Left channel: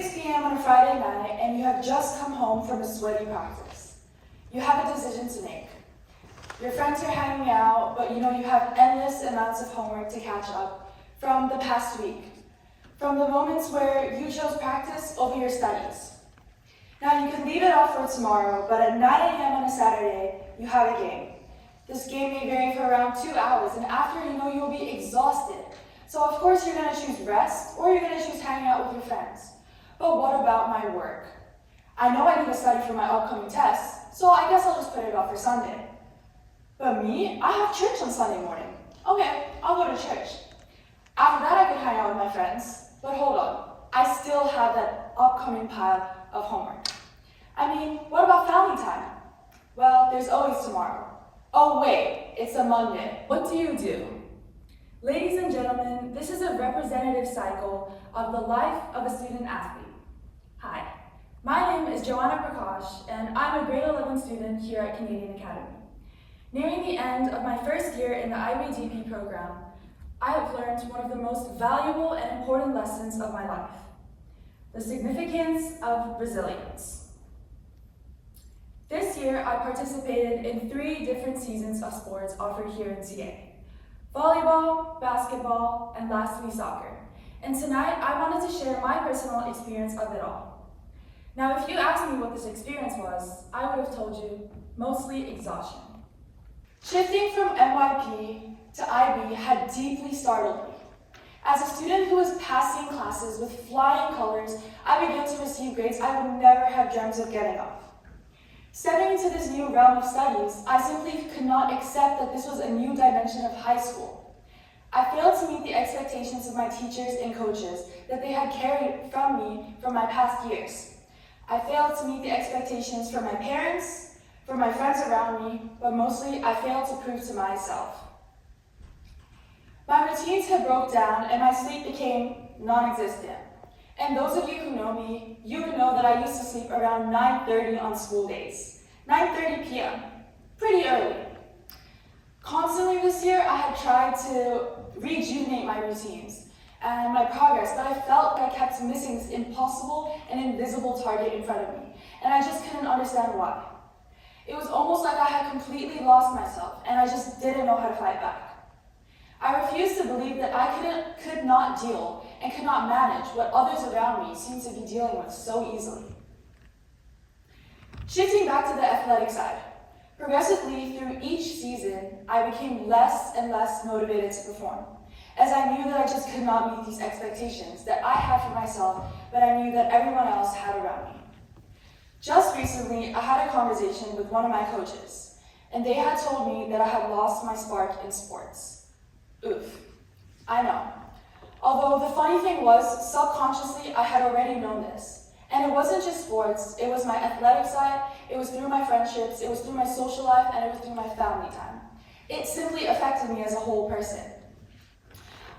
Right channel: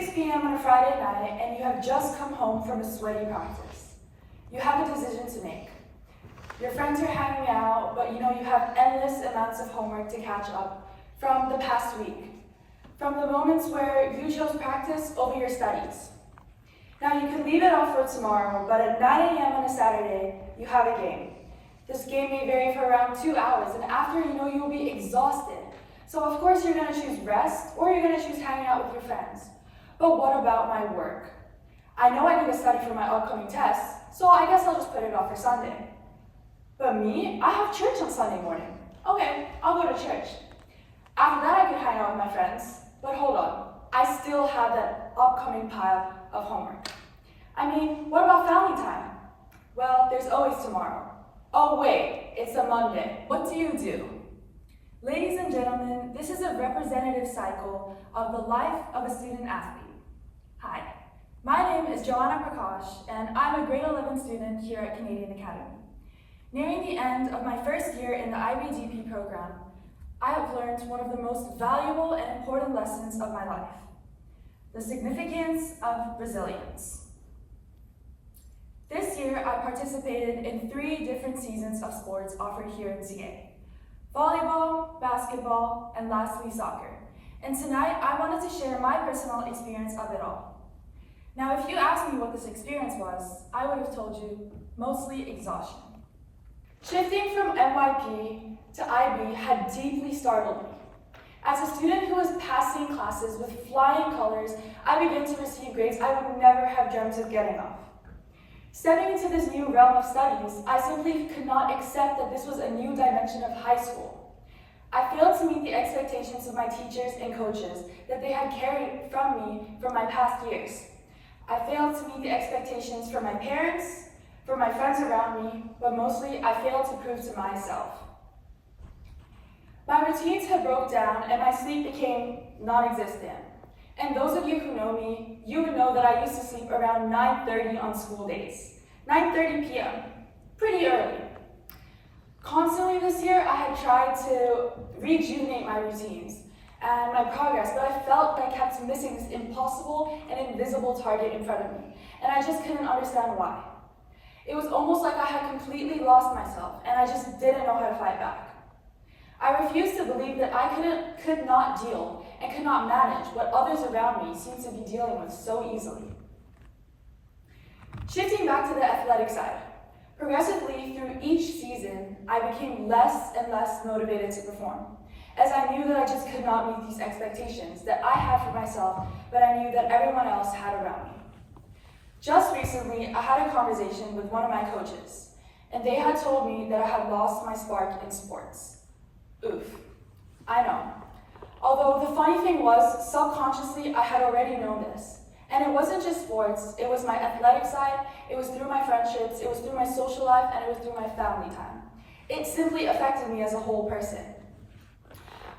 6 p.m. on a Friday night and you have just come home from a sweaty practice. You have a decision to make. Your friends are hanging out, but you know you have endless amounts of homework to catch up from the past week, from the moments where you chose practice over your studies. Now you can leave it off for tomorrow, but at 9 a.m. on a Saturday, you have a game. This game may vary for around 2 hours, and after you will be exhausted. So of course you're gonna choose rest, or you're gonna choose hanging out with your friends. But what about my work? I know I need to study for my upcoming tests, so I guess I'll just put it off for Sunday. But me, I have church on Sunday morning. Okay, I'll go to church. After that I can hang out with my friends, but hold on, I still have that upcoming pile of homework. I mean, what about family time? Well, there's always tomorrow. Oh wait, it's a Monday. What do you do? Ladies and gentlemen, this is a representative cycle of the life of a student athlete. Hi, my name is Joanna Prakash, and I'm a grade 11 student here at CanadianAcademy. Nearing the end of my first year in the IBDP program, I have learned one of the most valuable and important lessons of my life: the significance of resilience. This year, I participated in 3 different seasons of sports offered here in CA: volleyball, basketball, and lastly, soccer. And tonight, I wanted to share my personal experience of it all. Now, if you asked me what this experience was, I would have told you mostly exhaustion. Shifting from NYP to IB had deeply startled me. As a student who was passing classes with flying colors, I began to receive grades I would never have dreamt of getting off. Stepping into this new realm of studies, I simply could not accept that this was a new dimension of high school. I failed to meet the expectations of my teachers and coaches that they had carried from me from my past years. I failed to meet the expectations from my parents, for my friends around me, but mostly I failed to prove to myself. My routines had broke down and my sleep became non-existent. And those of you who know me, you would know that I used to sleep around 9:30 on school days. 9:30 p.m., pretty early. Constantly this year, I had tried to rejuvenate my routines and my progress, but I felt I kept missing this impossible and invisible target in front of me, and I just couldn't understand why. It was almost like I had completely lost myself, and I just didn't know how to fight back. I refused to believe that I could not deal and could not manage what others around me seemed to be dealing with so easily. Shifting back to the athletic side, progressively through each season, I became less and less motivated to perform, as I knew that I just could not meet these expectations that I had for myself, but I knew that everyone else had around me. Just recently, I had a conversation with one of my coaches, and they had told me that I had lost my spark in sports. Oof, I know. Although the funny thing was, subconsciously, I had already known this. And it wasn't just sports, it was my athletic side, it was through my friendships, it was through my social life, and it was through my family time. It simply affected me as a whole person.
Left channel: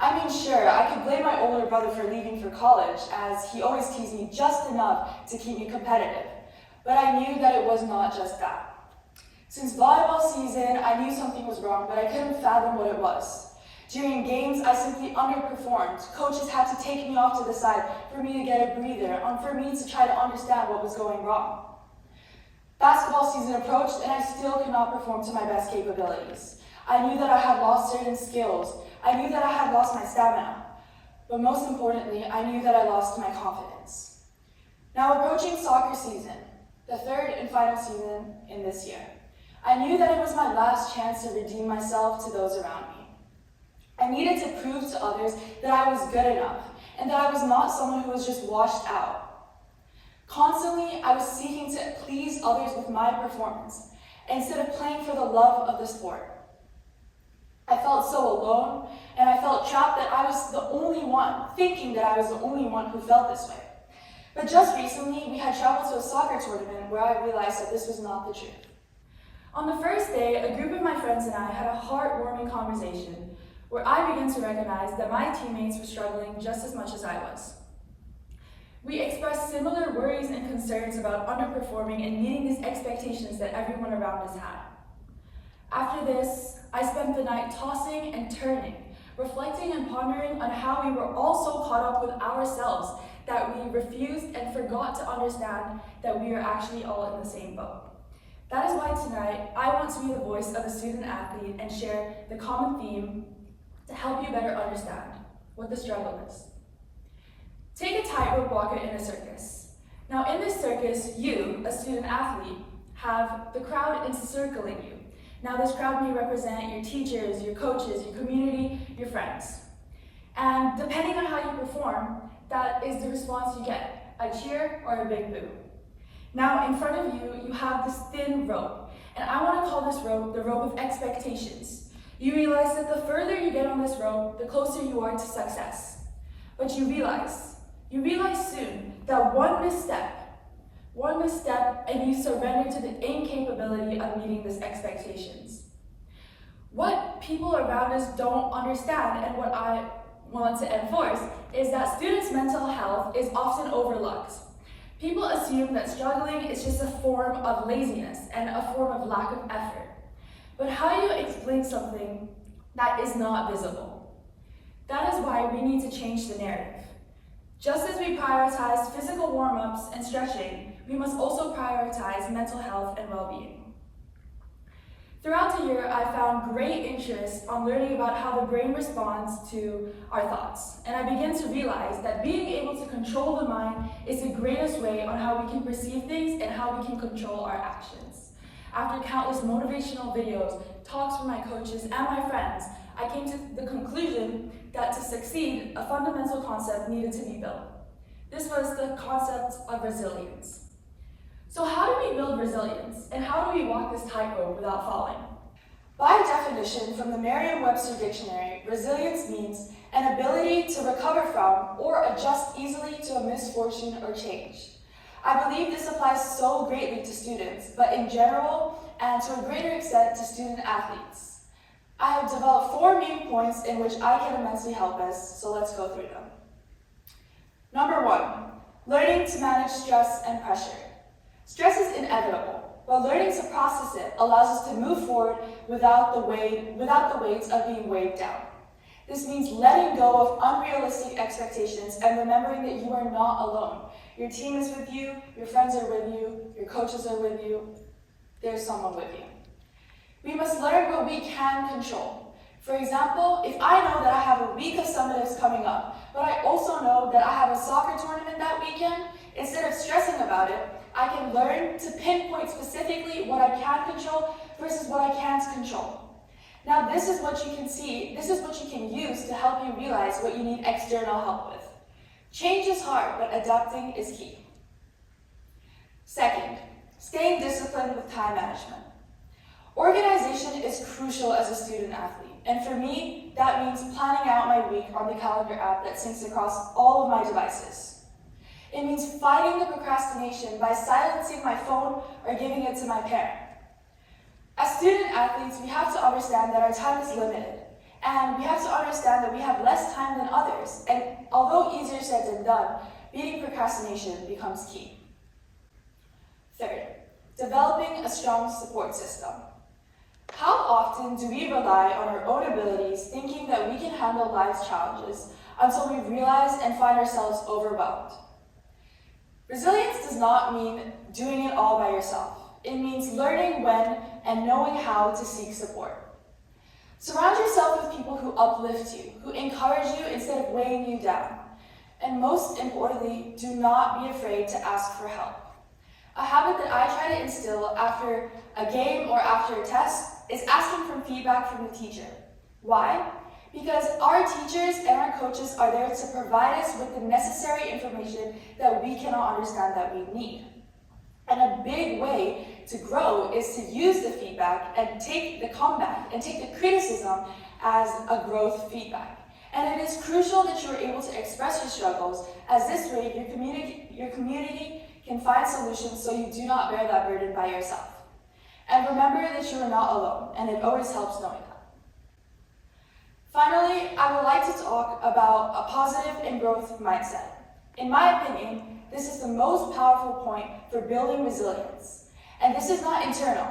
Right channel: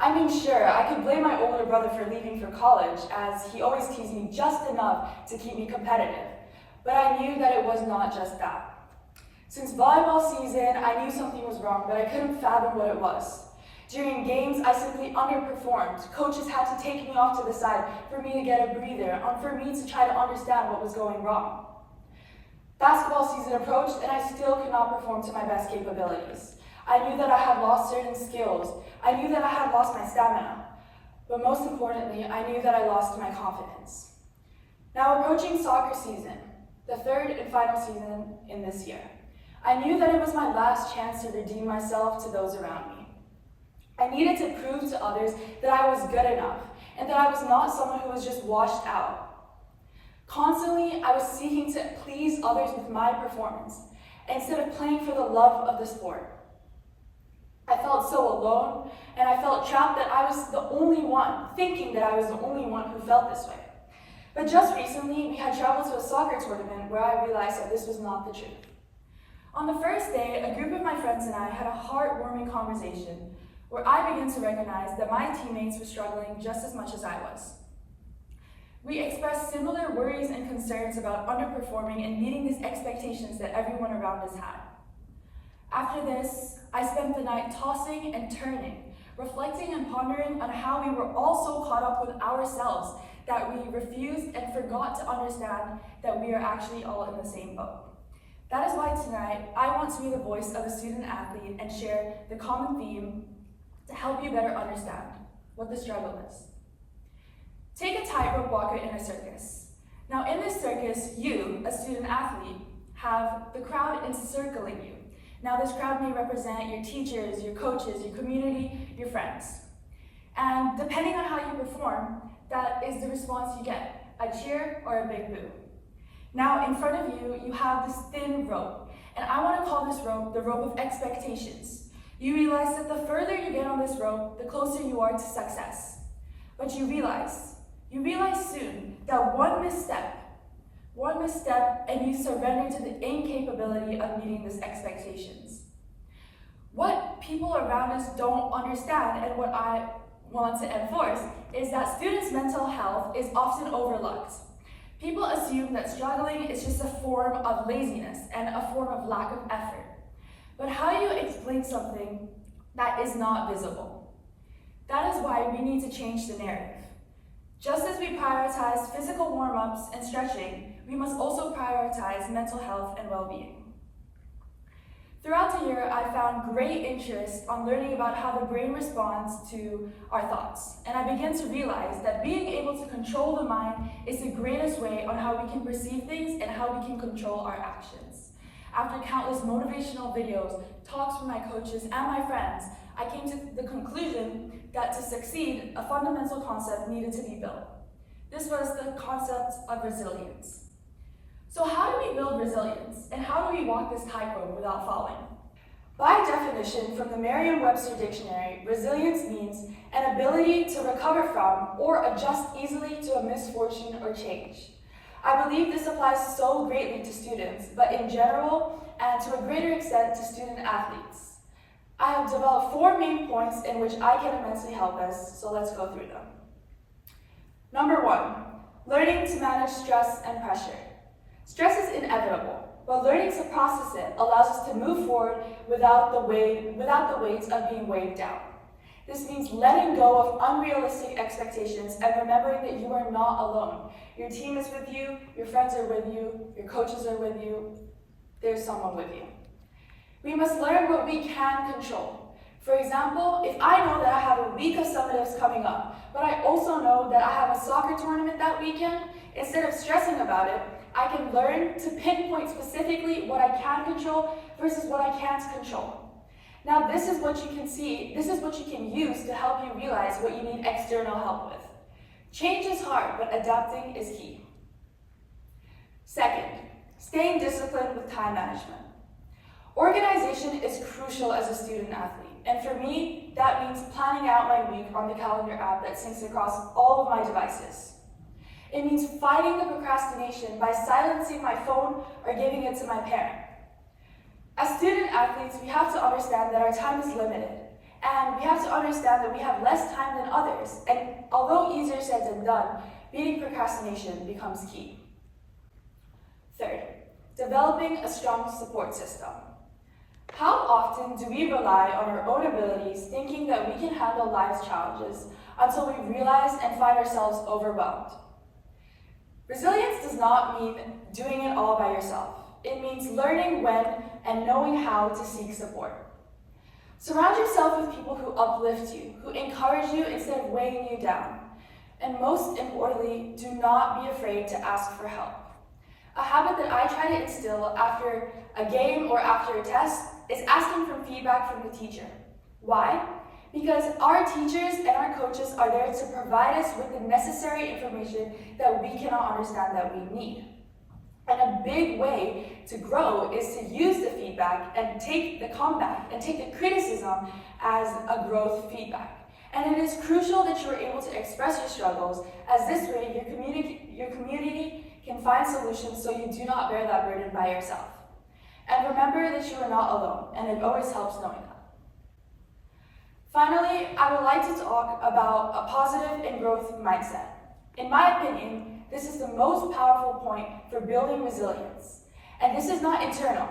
I mean, sure, I could blame my older brother for leaving for college, as he always teased me just enough to keep me competitive. But I knew that it was not just that. Since volleyball season, I knew something was wrong, but I couldn't fathom what it was. During games, I simply underperformed. Coaches had to take me off to the side for me to get a breather, and for me to try to understand what was going wrong. Basketball season approached, and I still could not perform to my best capabilities. I knew that I had lost certain skills. I knew that I had lost my stamina. But most importantly, I knew that I lost my confidence. Now approaching soccer season, the 3rd and final season in this year, I knew that it was my last chance to redeem myself to those around me. I needed to prove to others that I was good enough and that I was not someone who was just washed out. Constantly, I was seeking to please others with my performance instead of playing for the love of the sport. I felt so alone, and I felt trapped that I was the only one, thinking that I was the only one who felt this way. But just recently, we had traveled to a soccer tournament where I realized that this was not the truth. On the first day, a group of my friends and I had a heartwarming conversation where I began to recognize that my teammates were struggling just as much as I was. We expressed similar worries and concerns about underperforming and meeting these expectations that everyone around us had. After this, I spent the night tossing and turning, reflecting and pondering on how we were all so caught up with ourselves that we refused and forgot to understand that we are actually all in the same boat. That is why tonight, I want to be the voice of a student athlete and share the common theme to help you better understand what the struggle is. Take a tightrope walker in a circus. Now in this circus, you, a student athlete, have the crowd encircling you. Now this crowd may represent your teachers, your coaches, your community, your friends. And depending on how you perform, that is the response you get, a cheer or a big boo. Now in front of you, you have this thin rope, and I want to call this rope the rope of expectations. You realize that the further you get on this rope, the closer you are to success. But you realize soon that one misstep, and you surrender to the incapability of meeting these expectations. What people around us don't understand, and what I want to enforce, is that students' mental health is often overlooked. People assume that struggling is just a form of laziness and a form of lack of effort. But how do you explain something that is not visible? That is why we need to change the narrative. Just as we prioritize physical warm-ups and stretching, we must also prioritize mental health and well-being. Throughout the year, I found great interest on learning about how the brain responds to our thoughts. And I began to realize that being able to control the mind is the greatest way on how we can perceive things and how we can control our actions. After countless motivational videos, talks from my coaches and my friends, I came to the conclusion that to succeed, a fundamental concept needed to be built. This was the concept of resilience. So how do we build resilience, and how do we walk this tightrope without falling? By definition, from the Merriam-Webster dictionary, resilience means an ability to recover from or adjust easily to a misfortune or change. I believe this applies so greatly to students, but in general, and to a greater extent to student athletes. I have developed 4 main points in which I can immensely help us, so let's go through them. Number 1, learning to manage stress and pressure. Stress is inevitable, but learning to process it allows us to move forward without the weight of being weighed down. This means letting go of unrealistic expectations and remembering that you are not alone. Your team is with you, your friends are with you, your coaches are with you, there's someone with you. We must learn what we can control. For example, if I know that I have a week of summatives coming up, but I also know that I have a soccer tournament that weekend, instead of stressing about it, I can learn to pinpoint specifically what I can control versus what I can't control. Now this is what you can use to help you realize what you need external help with. Change is hard, but adapting is key. Second, staying disciplined with time management. Organization is crucial as a student athlete, and for me, that means planning out my week on the calendar app that syncs across all of my devices. It means fighting the procrastination by silencing my phone or giving it to my parent. As student athletes, we have to understand that our time is limited, and we have to understand that we have less time than others, and although easier said than done, beating procrastination becomes key. Third, developing a strong support system. How often do we rely on our own abilities, thinking that we can handle life's challenges, until we realize and find ourselves overwhelmed? Resilience does not mean doing it all by yourself. It means learning when and knowing how to seek support. Surround yourself with people who uplift you, who encourage you instead of weighing you down. And most importantly, do not be afraid to ask for help. A habit that I try to instill after a game or after a test is asking for feedback from the teacher. Why? Because our teachers and our coaches are there to provide us with the necessary information that we cannot understand that we need. And a big way to grow is to use the feedback and take the comeback and take the criticism as a growth feedback. And it is crucial that you are able to express your struggles, as this way your community can find solutions so you do not bear that burden by yourself. And remember that you are not alone, and it always helps knowing that. Finally, I would like to talk about a positive and growth mindset. In my opinion, this is the most powerful point for building resilience. And this is not internal.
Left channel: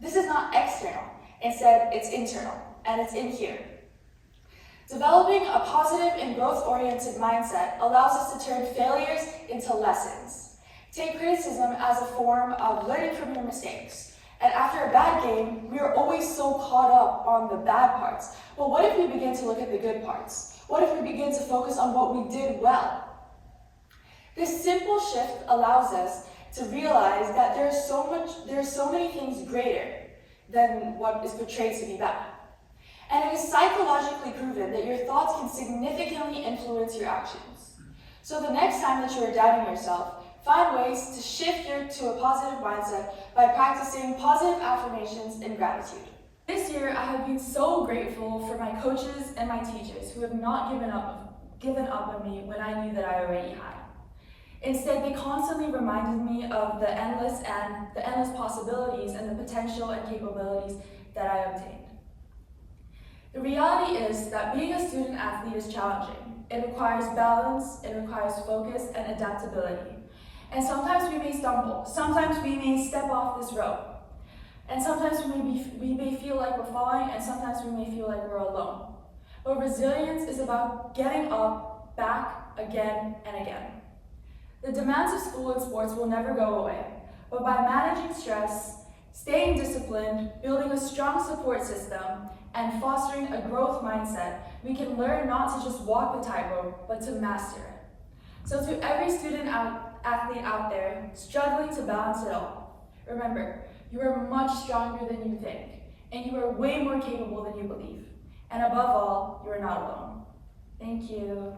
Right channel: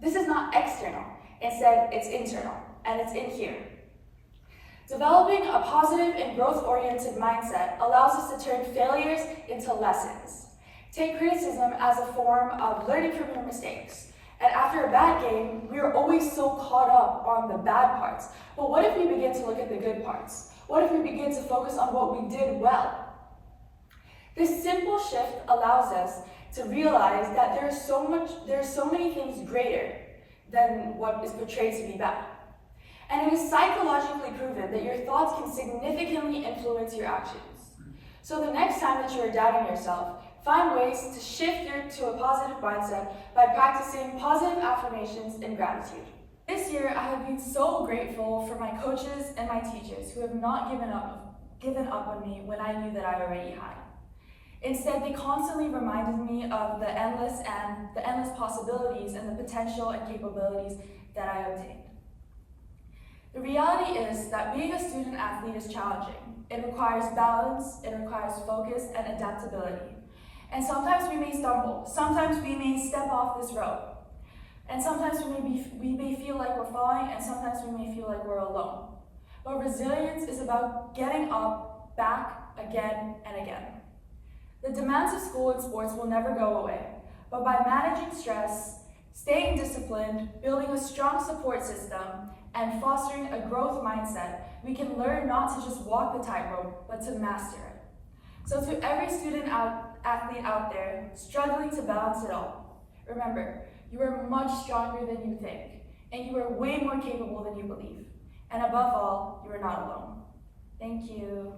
This is not external. Instead, it's internal, and it's in here. Developing a positive and growth-oriented mindset allows us to turn failures into lessons. Take criticism as a form of learning from your mistakes. And after a bad game, we are always so caught up on the bad parts. But what if we begin to look at the good parts? What if we begin to focus on what we did well? This simple shift allows us to realize that there are so many things greater than what is portrayed to be bad. And it is psychologically proven that your thoughts can significantly influence your actions. So the next time that you are doubting yourself, find ways to shift to a positive mindset by practicing positive affirmations and gratitude. This year, I have been so grateful for my coaches and my teachers who have not given up on me when I knew that I already had. Instead, they constantly reminded me of the endless possibilities and the potential and capabilities that I obtained. The reality is that being a student athlete is challenging. It requires balance, it requires focus and adaptability. And sometimes we may stumble, sometimes we may step off this road. And sometimes we may feel like we're falling, and sometimes we may feel like we're alone. But resilience is about getting up, back, again and again. The demands of school and sports will never go away, but by managing stress, staying disciplined, building a strong support system, and fostering a growth mindset, we can learn not to just walk the tightrope, but to master it. So to every athlete out there struggling to balance it all, remember, you are much stronger than you think, and you are way more capable than you believe. And above all, you are not alone. Thank you.